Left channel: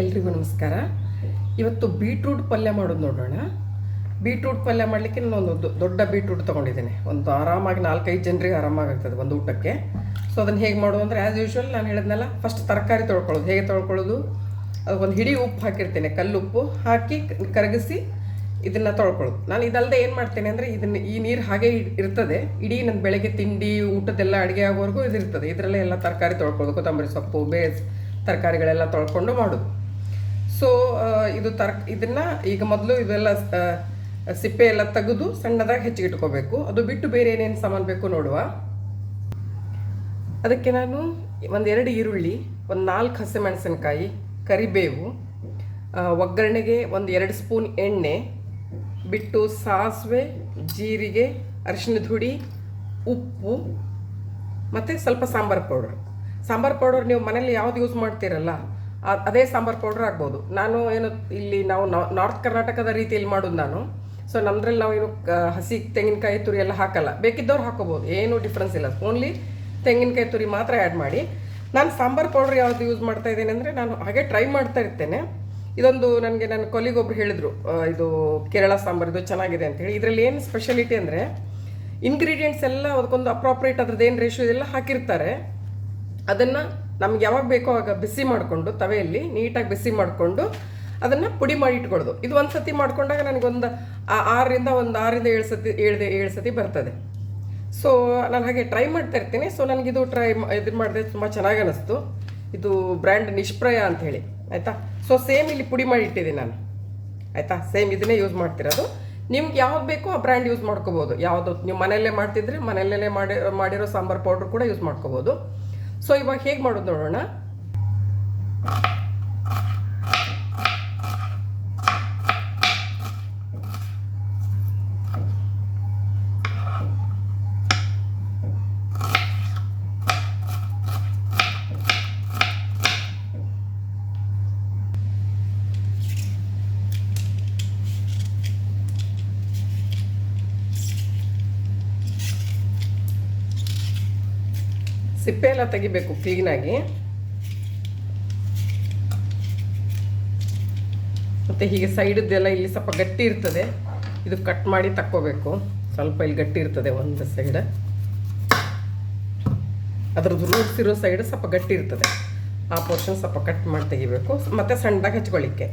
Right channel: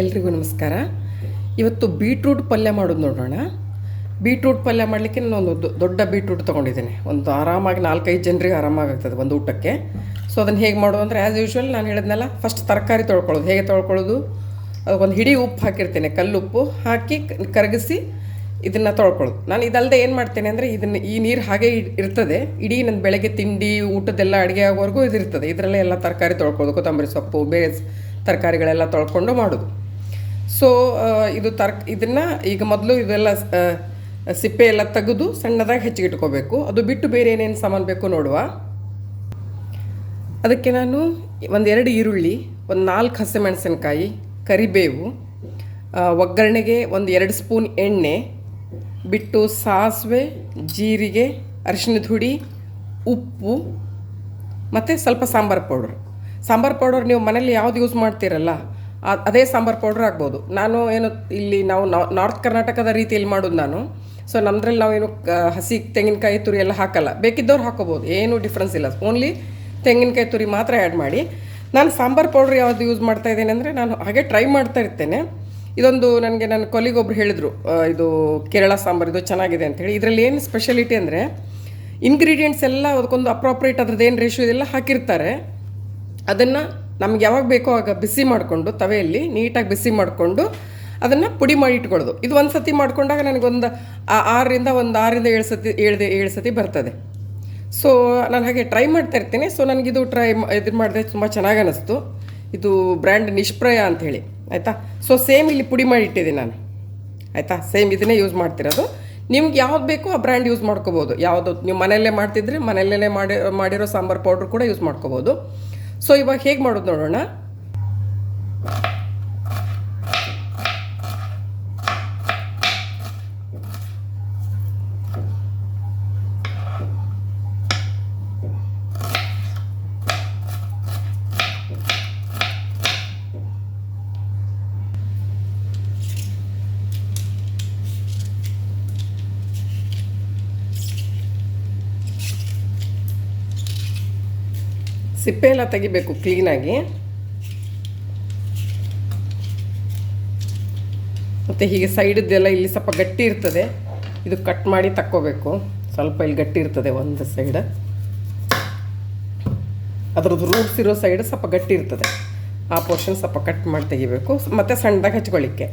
ಎಲ್ರಿಗೂ ನಮಸ್ಕಾರ. ಇವತ್ತು ಬೀಟ್ರೂಟ್ ಪಲ್ಯ ಮಾಡೋದು ನೋಡೋಣ. ಬೀಟ್ರೂಟ್ ಪಲ್ಯ ಮಾಡಲಿಕ್ಕೆ ನಾನು ಒಂದು ದೊಡ್ಡ ಬೀಟ್ರೂಟ್ ತೊಗೊಂಡಿದ್ದೇನೆ. ಒಂದು ಆರಾಮಾಗಿ 4-5 ಜನರಿಗೆ ಆರಾಮಾಗ್ತದೆ ಒಂದು ಊಟಕ್ಕೆ. ಸೊ ಅದನ್ನು ಹೇಗೆ ಮಾಡೋದು ಅಂದರೆ ಆ್ಯಸ್ ಯೂಶ್ವಲ್ ನಾನು ಹೇಳಿದ್ನಲ್ಲ, ಫಸ್ಟ್ ತರಕಾರಿ ತೊಳ್ಕೊಳ್ಳೋದು. ಹೇಗೆ ತೊಳ್ಕೊಳ್ಳೋದು? ಅದಕ್ಕೊಂದು ಹಿಡಿ ಉಪ್ಪು ಹಾಕಿರ್ತೇನೆ, ಕಲ್ಲುಪ್ಪು ಹಾಕಿ ಕರಗಿಸಿ ಇದನ್ನು ತೊಳ್ಕೊಳ್ಳೋದು. ನಾನು ಇದಲ್ಲದೆ ಏನು ಮಾಡ್ತೇನೆ ಅಂದರೆ, ಈ ನೀರು ಹಾಗೆ ಇರ್ತದೆ, ಇಡೀ ನನ್ನ ಬೆಳಗ್ಗೆ ತಿಂಡಿ ಊಟದೆಲ್ಲ ಅಡುಗೆ ಆಗೋವರೆಗೂ ಇದಿರ್ತದೆ. ಇದರಲ್ಲೇ ಎಲ್ಲ ತರಕಾರಿ ತೊಳ್ಕೊಳ್ಳೋದು, ಕೊತ್ತಂಬರಿ ಸೊಪ್ಪು, ಬೇರೆ ತರಕಾರಿಗಳೆಲ್ಲ ತೊಳ್ಕೊಂಡು ಮಾಡೋದು. ಸೊ ಇದನ್ನು ಈಗ ಮೊದಲು ಇದೆಲ್ಲ ಸಿಪ್ಪೆ ಎಲ್ಲ ತೆಗೆದು ಸಣ್ಣದಾಗಿ ಹೆಚ್ಚಿಗಿಟ್ಕೋಬೇಕು. ಅದು ಬಿಟ್ಟು ಬೇರೆ ಏನೇನು ಸಾಮಾನು ಬೇಕು ನೋಡುವ. ಅದಕ್ಕೆ ನಾನು 1-2 ಈರುಳ್ಳಿ, 4 ಹಸಿಮೆಣಸಿನಕಾಯಿ, ಕರಿಬೇವು, ಒಗ್ಗರಣೆಗೆ 1-2 ಸ್ಪೂನ್ ಎಣ್ಣೆ ಬಿಟ್ಟು, ಸಾಸಿವೆ, ಜೀರಿಗೆ, ಅರಿಶಿಣದ ಹುಡಿ, ಉಪ್ಪು ಮತ್ತು ಸ್ವಲ್ಪ ಸಾಂಬಾರು ಪೌಡರ್. ನೀವು ಮನೇಲಿ ಯಾವ್ದು ಯೂಸ್ ಮಾಡ್ತೀರಲ್ಲ ಅದೇ ಸಾಂಬಾರು ಪೌಡ್ರ್ ಆಗ್ಬೋದು. ನಾವು ನಾರ್ತ್ ಕರ್ನಾಟಕದ ರೀತಿಯಲ್ಲಿ ಮಾಡೋದು ನಾನು. ಸೊ ನಮ್ಮದ್ರಲ್ಲಿ ನಾವೇನು ಹಸಿ ತೆಂಗಿನಕಾಯಿ ತುರಿ ಎಲ್ಲ ಹಾಕಲ್ಲ. ಬೇಕಿದ್ದವ್ರು ಹಾಕೋಬೋದು, ಏನೂ ಡಿಫ್ರೆನ್ಸ್ ಇಲ್ಲ. ಓನ್ಲಿ ತೆಂಗಿನಕಾಯಿ ತುರಿ ಮಾತ್ರ ಆ್ಯಡ್ ಮಾಡಿ. ನಾನು ಸಾಂಬಾರು ಪೌಡ್ರ್ ಯಾವುದು ಯೂಸ್ ಮಾಡ್ತಾ ಇದ್ದೇನೆ ಅಂದರೆ, ನಾನು ಹಾಗೆ ಟ್ರೈ ಮಾಡ್ತಾ ಇರ್ತೇನೆ. ಇದೊಂದು ನನ್ನ ಕೊಲಿಗೊಬ್ರು ಹೇಳಿದರು, ಇದು ಕೇರಳ ಸಾಂಬಾರು, ಇದು ಚೆನ್ನಾಗಿದೆ ಅಂಥೇಳಿ. ಇದರಲ್ಲಿ ಏನು ಸ್ಪೆಷಾಲಿಟಿ ಅಂದರೆ, ಇಂಗ್ರೀಡಿಯೆಂಟ್ಸ್ ಎಲ್ಲ ಅದಕ್ಕೊಂದು ಅಪ್ರಾಪ್ರೇಟ್ ಅದ್ರದ್ದು ಏನು ರೇಷಿಯೋ ಇದೆಲ್ಲ ಹಾಕಿರ್ತಾರೆ. ಅದನ್ನು ನಮ್ಗೆ ಯಾವಾಗ ಬೇಕೋ ಆಗ ಬಿಸಿ ಮಾಡಿಕೊಂಡು, ತವೆಯಲ್ಲಿ ನೀಟಾಗಿ ಬಿಸಿ ಮಾಡಿಕೊಂಡು ಅದನ್ನು ಪುಡಿ ಮಾಡಿ ಇಟ್ಕೊಳ್ಳೋದು. ಇದು ಒಂದು ಸತಿ ಮಾಡ್ಕೊಂಡಾಗ ನನಗೊಂದು 6-7 ಸತಿ ಬರ್ತದೆ. ಸೊ ನಾನು ಹಾಗೆ ಟ್ರೈ ಮಾಡ್ತಾ ಇರ್ತೀನಿ. ಸೊ ನನಗಿದು ಇದು ಮಾಡಿದೆ, ತುಂಬ ಚೆನ್ನಾಗಿ ಅನ್ನಿಸ್ತು. ಇದು ಬ್ರ್ಯಾಂಡ್ ನಿಷ್ಪ್ರಯ ಅಂಥೇಳಿ, ಆಯಿತಾ. ಸೊ ಸೇಮ್ ಇಲ್ಲಿ ಪುಡಿ ಮಾಡಿ ಇಟ್ಟಿದ್ದೀನಿ ನಾನು, ಆಯಿತಾ. ಸೇಮ್ ಇದನ್ನೇ ಯೂಸ್ ಮಾಡ್ತಿರೋದು. ನಿಮ್ಗೆ ಯಾವ್ದು ಬೇಕೋ ಆ ಬ್ರ್ಯಾಂಡ್ ಯೂಸ್ ಮಾಡ್ಕೋಬೋದು. ಯಾವುದು ನೀವು ಮನೆಯಲ್ಲೇ ಮಾಡ್ತಿದ್ರೆ ಮನೆಯಲ್ಲೇ ಮಾಡಿರೋ ಸಾಂಬಾರು ಪೌಡ್ರ್ ಕೂಡ ಯೂಸ್ ಮಾಡ್ಕೋಬೋದು. ಸೊ ಇವಾಗ ಹೇಗೆ ಮಾಡೋದು ನೋಡೋಣ. ಸಿಪ್ಪೆ ಎಲ್ಲ ತೆಗಿಬೇಕು ಕ್ಲೀನಾಗಿ. ಮತ್ತು ಹೀಗೆ ಸೈಡದ್ದೆಲ್ಲ ಇಲ್ಲಿ ಸ್ವಲ್ಪ ಗಟ್ಟಿ ಇರ್ತದೆ, ಇದು ಕಟ್ ಮಾಡಿ ತಕ್ಕೋಬೇಕು. ಸ್ವಲ್ಪ ಇಲ್ಲಿ ಗಟ್ಟಿ ಇರ್ತದೆ ಒಂದು ಸೈಡ್, ಅದ್ರದ್ದು ರೂಟ್ಸ್ ಇರೋ ಸೈಡ್ ಸ್ವಲ್ಪ ಗಟ್ಟಿ ಇರ್ತದೆ. ಆ ಪೋರ್ಷನ್ ಸ್ವಲ್ಪ ಕಟ್ ಮಾಡಿ ತೆಗಿಬೇಕು. ಮತ್ತು ಸಣ್ಣದಾಗಿ ಹಚ್ಕೊಳ್ಳಿಕ್ಕೆ.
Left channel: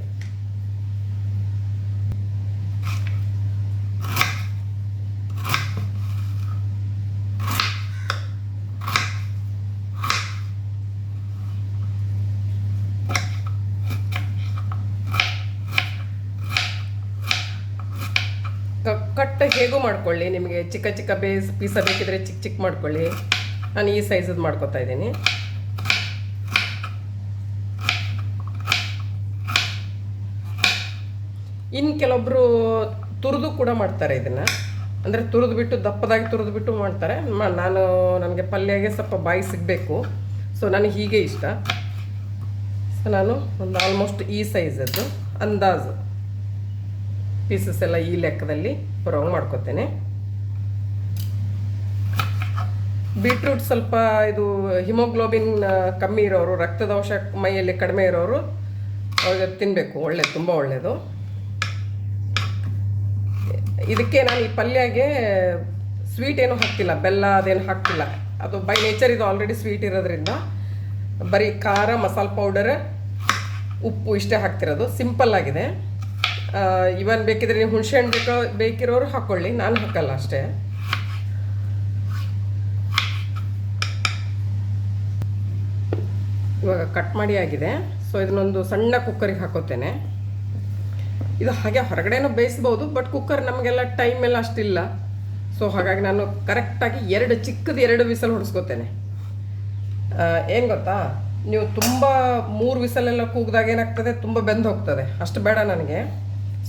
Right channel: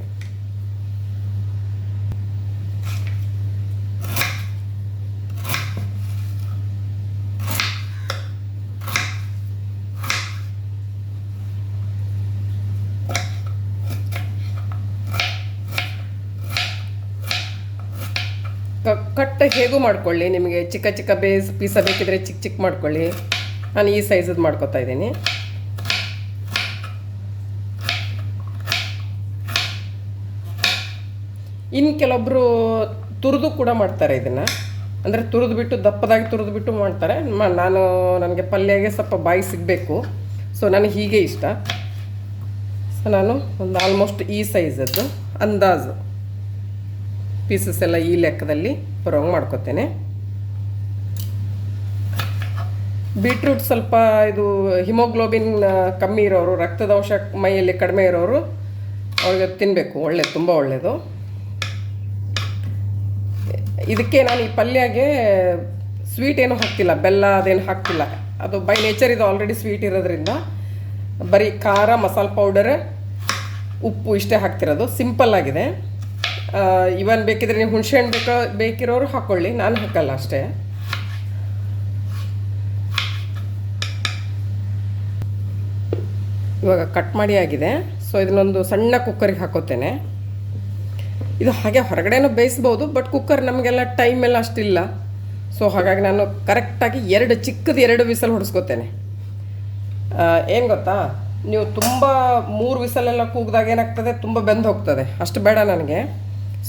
ಕಟ್ ಹೇಗೂ ಮಾಡ್ಕೊಳ್ಳಿ, ನಿಮಗೆ ಚಿಕ್ಕ ಚಿಕ್ಕ ಪೀಸ ಬೇಕಿದ್ರೆ ಚಿಕ್ಕ ಮಾಡ್ಕೊಳ್ಳಿ. ನಾನು ಈ ಸೈಜದ್ದು ಮಾಡ್ಕೊತಾ ಇದ್ದೀನಿ. ಇನ್ನು ಕೆಲವೊಬ್ಬರು ತುರಿದು ಕೂಡ ಮಾಡ್ತಾರೆ ಇದನ್ನು, ಅಂದರೆ ತುರಿದು ದಪ್ಪದಾಗಿ ಮಾಡ್ತಾರೆ. ನನಗೆ ಪಲ್ಯಗೆ ಸ್ವಲ್ಪ ಬಾಯಿ ಸಿಗಬೇಕು, ಸೊ ನನಗೆ ಹೀಗೆ ಇಷ್ಟ. ಸೊ ನಾನು ಒಂದು ಆಲ್ಮೋಸ್ಟ್ ಈ ಸೈಜದ್ದು ಅಂದಾಜು ಪೀಸಸ್ ಎಲ್ಲ ಈ ಲೆಕ್ಕದಲ್ಲಿ ಬರೋಂಗೆ ಮಾಡ್ಕೊತೇನೆ. ಬೀಟ್ರೂಟ್ ಸ್ವಲ್ಪ ಇದು ಹಿಮೋಗ್ಲೋಬಿನ್ ಕಮ್ಮಿ ಇರೋರು, ರಕ್ತದಂಶ ಮೈಯಲ್ಲಿ ಕಡಿಮೆ ಇರೋರು ಅವ್ರಿಗೆ ತಿನ್ನಬೇಕು, ಒಳ್ಳೆಯದು, ತುಂಬ ಒಳ್ಳೆಯದು. ಇದಕ್ಕೆ ನಾನು ಈ ಪಲ್ಯಗೆ ಸ್ವೀಟ್ ಏನೂ ಹಾಕ್ತಿಲ್ಲ, ಬೆಲ್ಲ ಅದೇನು ಹಾಕ್ತಿಲ್ಲ. ಅದು ಬೈ ನೇಚರ್ ಇದು ಆಲ್ರೆಡಿ ಸ್ವೀಟ್ ಇರೋದ್ರಿಂದ ಬರೀ ಖಾರ, ಮಸಾಲೆ ಪೌಡರ್, ಉಪ್ಪು ಇಷ್ಟೇ ಹಾಕ್ತಿರೋದು. ಸಿಂಪಲ್ ಆಗಿದೆ. ಇವನ್ ಬೇಕಿದ್ರೆ ನೀವು ಹುಣಸೆಹಣ್ಣು ಬೇಕಿರೋರು ಹಾಕ್ಕೊಳ್ಳಿ, ನಾನು ಹಾಕಲ್ಲ ಅಷ್ಟೇ. ಇವಾಗ ಕಟ್ ಮಾಡಿ ಆಗಿದೆ. ಸೊ ಇದನ್ನೊಂದು ಸಣ್ಣ ಕುಕ್ಕರಿಗೆ ಹಾಕೋತೇನೆ. ಇದು ಹಾಗೆ ಹೊರಗಡೆನೂ ಬೇಯಿಸ್ಬೋದು, ಬಟ್ ಕುಕ್ಕರ್ ನಮಗೆಲ್ಲ ಟೈಮ್ ಎಲ್ಲ ಅಷ್ಟಿಲ್ಲ. ಸೊ ಹಾಗಾಗಿ ನಾನು ಕರೆಕ್ಟಾಗಿ 2 ವಿಸಲ್ ಹೊಡಿಸ್ಕೋತೇನೆ. ಏನು ಗೊತ್ತಾ, ನೀವು ತುಂಬ 3 ವಿಸಲೆಲ್ಲ ಕೂಗಿದಾಗ ಏನಾಗ್ತದೆ, ತುಂಬ ಬೆಂದು ಹೋಗ್ತದೆ. ಅಷ್ಟು ಬೇಡ ನನಗೆ.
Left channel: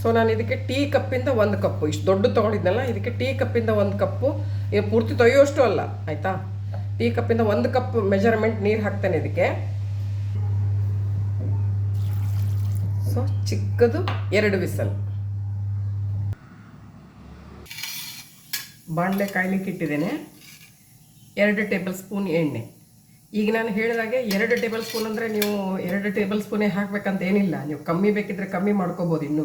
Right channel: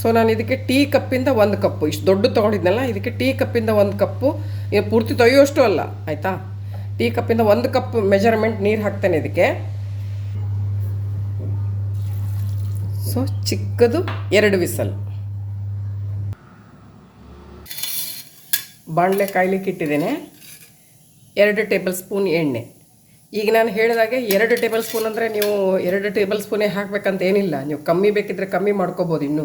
ಸೊ ನಾನು ಇದಕ್ಕೆ ಟೀ ಕಪ್ಪಿಂದ 1 ಕಪ್ಪು, ಇಷ್ಟು ದೊಡ್ಡ ತೊಗೊಂಡಿದ್ನಲ್ಲ, ಇದಕ್ಕೆ ಟೀ ಕಪ್ಪಿಂದ 1 ಕಪ್ಪು, ಪೂರ್ತಿ ತೊಯ್ಯೋಷ್ಟು ಅಲ್ಲ, ಆಯಿತಾ. ಟೀ ಕಪ್ಪಿಂದ 1 ಕಪ್ ಮೆಜರ್ಮೆಂಟ್ ನೀರು ಹಾಕ್ತೇನೆ ಇದಕ್ಕೆ. ಸೊ ಚಿಕ್ಕದು 2 ವಿಸಲ್. ಬಾಣಲೆ ಕಾಯ್ಲಿಕ್ಕೆ ಇಟ್ಟಿದ್ದೇನೆ. 2 ಟೇಬಲ್ ಸ್ಪೂನ್ ಎಣ್ಣೆ. ಈಗ ನಾನು ಹೇಳಿದಾಗೆ 2 ಟೇಬಲ್ ಸ್ಪೂನ್ ಅಂದರೆ ನೀವು 2 ಟೇಬಲ್ ಸ್ಪೂನೇ ಹಾಕಬೇಕಂತ ಏನಿಲ್ಲ, ನೀವು ಕಮ್ಮಿ ಬೇಕಿದ್ರೆ ಕಮ್ಮಿ ಮಾಡ್ಕೋಬೋದು ಇನ್ನೂ,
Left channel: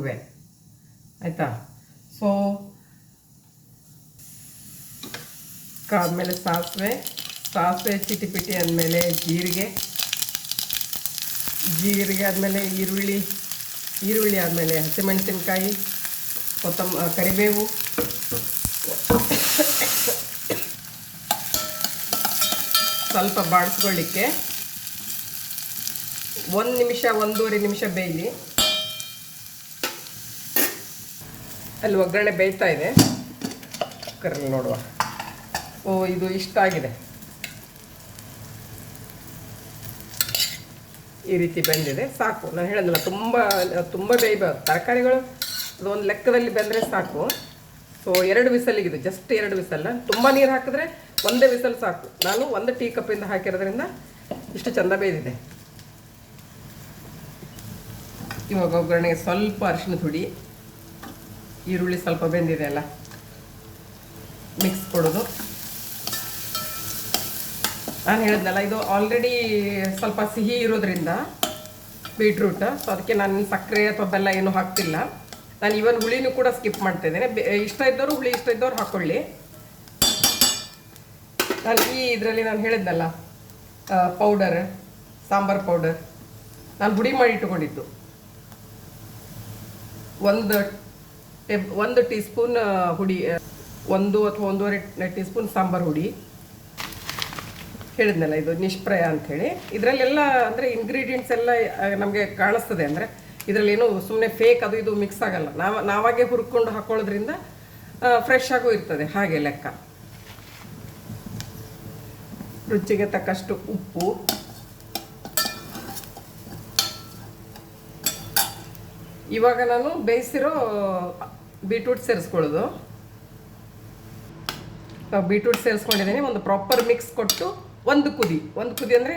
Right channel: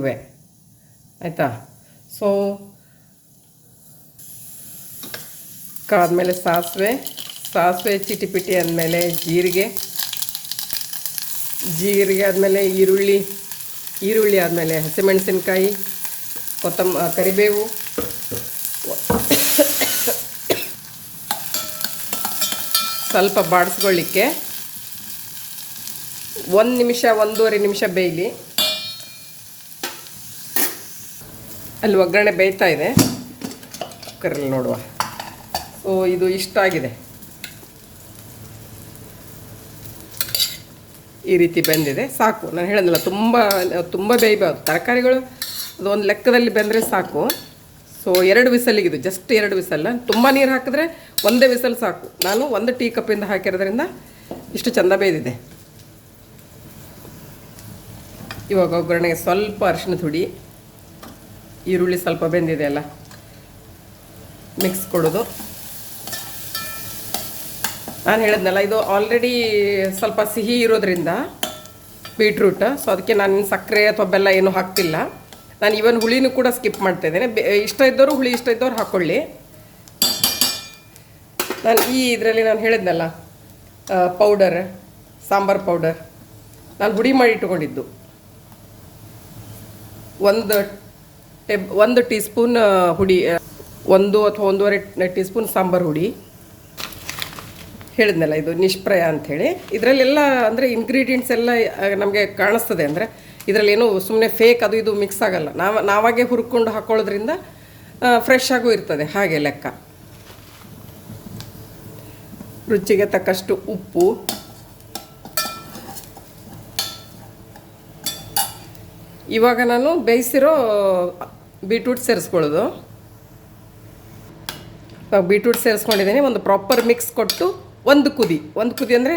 ಆಯಿತಾ. ಸೊ ಆದಮೇಲೆ ಸಾಸಿವೆ ಚಿಟಿಪಿಟಿ ಆದಮೇಲೆ ಜೀರಿಗೆ ಆದಮೇಲೆ ಈರುಳ್ಳಿ ಆದಮೇಲೆ ಹಸಿಮೆಣಸಿನ್ಕಾಯಿ, ಕರಿಬೇವು, ಸ್ವಲ್ಪ ಬಾಡಿಸ್ಕೊಳ್ಳಿಕ್ಕೆ 1 ನಿಮಿಷ 1.5 ನಿಮಿಷ ಬೇಯಲಿ. ಅಲ್ಲಿ ಒಗ್ಗರಣೆ ಬೇಯ್ತಾ ಇದೆ, ಕುಕ್ಕರಲ್ಲಿ ನೋಡುವ. ಸೊ ಇದು ಇಷ್ಟ ಆಗಿದೆ, ಈ ರೀತಿ ಬೆಂದಿದೆ, ಸಾಕು. ನಾನು ಹೇಳಿದ್ನಲ್ಲ, ತುಂಬ ಬೇಯಬಾರ್ದು ತರಕಾರಿಗಳು, ಅದು ಒಂದು ಲೆಕ್ಕದಲ್ಲಿ ಬೆಂದರೆ ಸಾಕು. ಸೊ 2 ವಿಸಲಿಗಿದು, ಜಸ್ಟ್ 2 ವಿಸಲ್. ತುಂಬ ನೀರು ಹಾಕಿದ್ರೆ 1 ವಿಸಲ್ ಸಾಕು. ನಾನು 1 ಟೀ ಕಪ್ಪಿಂದ ಹಾಕಿರೋದ್ರಿಂದ ಇಷ್ಟು ಚೆಂದ ಬೇಯ್ದಿದೆ. ಇವಾಗ ಒಗ್ಗರಣೆಗೆ ಸ್ವಲ್ಪ ಅರಿಶಿಣದ ಹುಡಿ, ಈರುಳ್ಳಿ ಸ್ವಲ್ಪ ಬೆಂದಿದೆ ಅಲ್ಲ, ಮಿಕ್ಸ್ ಕೊಡೋದು. ನಾನು ಹೇಳಿದ್ನಲ್ಲ, ಇದು ಆಲ್ರೆಡಿ ಸ್ವಲ್ಪ ಸಿಹಿ ಇರೋದ್ರಿಂದ ಬೀಟ್ರೂಟ್, ಸೊ ಅದಕ್ಕೆ ನಾನು ಸಕ್ಕರೆ ಅಥವಾ ಬೆಲ್ಲ ಏನೂ ಹಾಕ್ತಿಲ್ಲ. ನಾನು ಇವನ್ ಹುಳಿನೂ ಕೂಡ ಸ್ಕಿಪ್ ಮಾಡ್ತಾ ಇದ್ದೇನೆ. ಇಷ್ಟ ಇದ್ದವರು ಹುಳಿ, ಇಷ್ಟ ಇದ್ದವ್ರು ಹಾಕ್ಕೊಳ್ಳಿ. ನಾನು ಇದರಲ್ಲಿ ನಾನು ಹೇಳಿದ್ನಲ್ಲ ಪೌಡರ್, ಸಾಂಬಾರು ಪೌಡರ್ ನಾನು ಹುಡಿ ಮಾಡಿ ಇಟ್ಕೊಂಡಿದ್ದು, 1 ಟೀ ಸ್ಪೂನ್ ಹುಡಿ, 1 ಅಥವಾ 1.5 ಟೀ ಸ್ಪೂನ್ ಸಾಂಬಾರು ಹುಡಿ. ಹೇಳಿದ್ನಲ್ಲ ಇದು ನಿಷ್ಪ್ರಯ ಅಂಥೇಳಿ. ಇದರಲ್ಲೆಲ್ಲ ಅಂದರೆ ಇಂಗ್ರೀಡಿಯೆಂಟ್ಸ್ ಎಲ್ಲ ನಮಗೆ ಕಾಣಿಸ್ತದೆ. ಅಂದರೆ ಇದರಲ್ಲಿ ಏನೂ ಸುಮ್ಮನೆ ಫೇಕ್ ಅದು ಇದು ಮಿಕ್ಸ್ ಆಗಲ್ಲ. ನಾವಾಗೆ ಹುರ್ಕೊಂಡು ಹಾಕೊಳ್ಳೋದ್ರಿಂದ ಫ್ರೆಶ್ ಆಗೂ ಇರ್ತದೆ. ಹಾಗೆ ಲೆಕ್ಕ. ರುಚಿಗೆ ತಕ್ಕಷ್ಟು ಉಪ್ಪು, ಇವಾಗ ನಾನು ಬೇಯಿಸಿರೋ ಬೀಟ್ರೂಟ್ ಸೇರಿಸ್ಕೊಳ್ಳೋದು. ಬೀಟ್ರೂಟ್ ಸೇರಿಸ್ಕೊಂಡಿದ್ದೀನಿ. ಒಂದು ಪ್ರಾಪರ್ ಮಿಕ್ಸ್ ಕೊಟ್ಟು ಒಂದು ಕುದಿ ಅಂದರೆ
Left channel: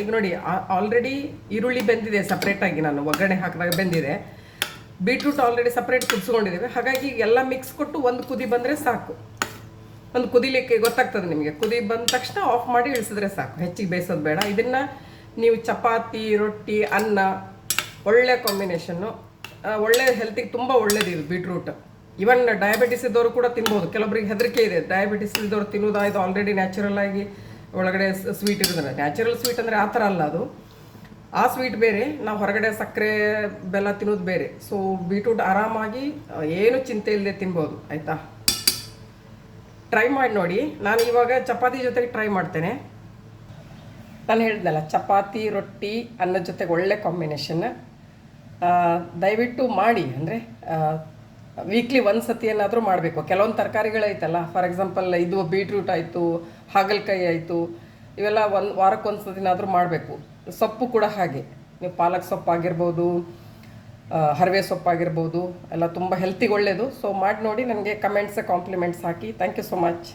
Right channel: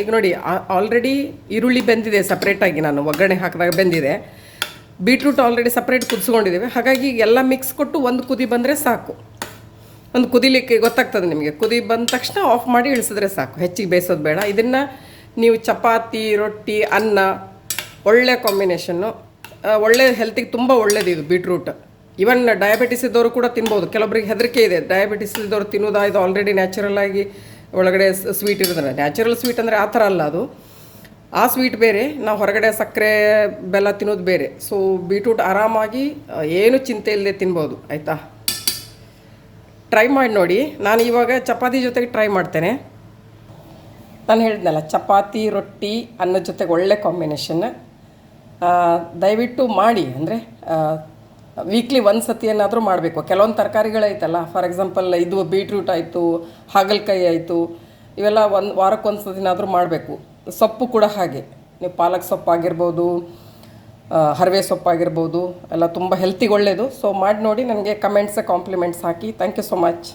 ಈಗ ನೋಡಿ, ಆಲ್ರೆಡಿ ಈರುಳ್ಳಿ ಬೆಂದಿದೆ ಸಪ್ರೇಟಾಗಿ, ನಾನು ಒಗ್ಗರಣೆ ಹಾಕಿದಾಗ ಬೆಂದಿದೆ. ಬೀಟ್ರೂಟ್ ಆಲ್ರೆಡಿ ಸಪ್ರೇಟ್ ಕುದಿಸ್ಕೊಂಡಿದ್ದೀವಿ. ಹಾಗಾಗಿ ಎಲ್ಲ ಮಿಕ್ಸ್ ಕೊಟ್ಟು ಒಂದು ಕುದಿ ಬಂದರೆ ಸಾಕು. ಒಂದು ಕುದಿಲಿಕ್ಕೆ ಗೊತ್ತಾಗ್ತದೆ ನಿಮಗೆ. ಕುದಿ ಬಂದ ತಕ್ಷಣ ಆಫ್ ಮಾಡಿ ಇಳಿಸಿದ್ರೆ ಸಾಕು, ಹೆಚ್ಚಿಗೆ ಬೇಯಿಸೋದು ಬೇಡ. ಇದನ್ನು ನೀವು ಚಪಾತಿ, ರೊಟ್ಟಿ, ಅನ್ನ, ಒಳ್ಳೆ ಕಾಂಬಿನೇಷನ್ನು. ಒಳ್ಳೆ ಹೆಲ್ತಿಗೆ ತುಂಬ ಒಳ್ಳೇದು ಇದು ಬೀಟ್ರೂಟ್. ಇವನ್ ಡಯಾಬಿಟಿಸ್ ಇದ್ದವರು ಕೂಡ ತಿನ್ಬೋದು. ಕೆಲವೊಬ್ಬರಿಗೆ ಹೆದರಿಕೆ ಇದೆ, ಡಯಾಬಿಟಿಸ್ ಇದ್ದವರು ತಿನ್ನೋದಾ, ಇದು ಆಲ್ರೆಡಿ ನ್ಯಾಚುರಲ್ ಆಗಿ ಒಳಗಡೆ ಸ್ವೀಟ್ ಇರೋದ್ರೆ. ನ್ಯಾಚುರಲ್ ಸ್ವೀಟ್ ಅಂದರೆ ಆ ಥರ ಅಲ್ಲ, ಅದು ಆ ಸ್ವೀಟ್ ಬೇರೆ, ನಾವು ಹೊರಗಡೆ ಸಕ್ಕರೆ ಬೆಲ್ಲ ತಿನ್ನೋದು ಬೇರೆ. ಸೊ ಬೀಟ್ರೂಟ್ ಆರಾಮಾಗಿ ಏನು ಚಿಂತೆ ಇಲ್ಲದೆ ತಿನ್ಬೋದು, ಆಯಿತಾ. ಟ್ರೈ ಮಾಡಿ ನೋಡಿ. ನಾನು ಇವಾಗ ಚಪಾತಿ ಜೊತೆಗೆ ಟ್ರೈ ಮಾಡ್ತೇನೆ. ನಾನು ಹೇಳಿದ್ನಲ್ಲ, ಚಪಾತಿ, ರೊಟ್ಟಿ, ಅನ್ನದ ಜೊತೆಗೆ ಒಳ್ಳೆ ಕಾಂಬಿನೇಷನ್. ದಯವಿಟ್ಟು ಮಾಡಿ. ಅಂದರೆ ವೀಕ್ಲಿ 1 ಸತಿ ಏನಾದರೂ ಮಾಡಬೇಕು. ಕೆಲವೊಂದು ತರಕಾರಿಗಳೈತಲ್ಲ, ಫಾರ್ ಎಕ್ಸಾಂಪಲ್ ಇದು ಬೀಟ್ರೂಟ್ ಆಯಿತು, ಹಾಗಲಕಾಯಿ ಆಯಿತು, ಇವೆಲ್ಲ ವಾರಕ್ಕೊಂದು ಸತಿನಾದರೂ ಮಾಡಬೇಕು. ಸೊಪ್ಪು ಕೂಡ ಹಾಗೆ, ನೀವು ಪಾಲಕ್ ಸೊಪ್ಪಾಗಿರ್ಬೋದು, ಹರವೆ ಸೊಪ್ಪಾಗಿರ್ಬೋದು, ಎಲ್ಲ ತುಂಬ ಹೆಲ್ತಿಗೆ ಒಳ್ಳೆಯದು. ಸೊ ಮಾಡಿ ನೋಡಿ, ನನಗೆ ಕಮೆಂಟ್ಸ್ ಕಾಂಪ್ಲಿಮೆಂಟ್ಸ್ ಹಾಕಿ. Thank you so much.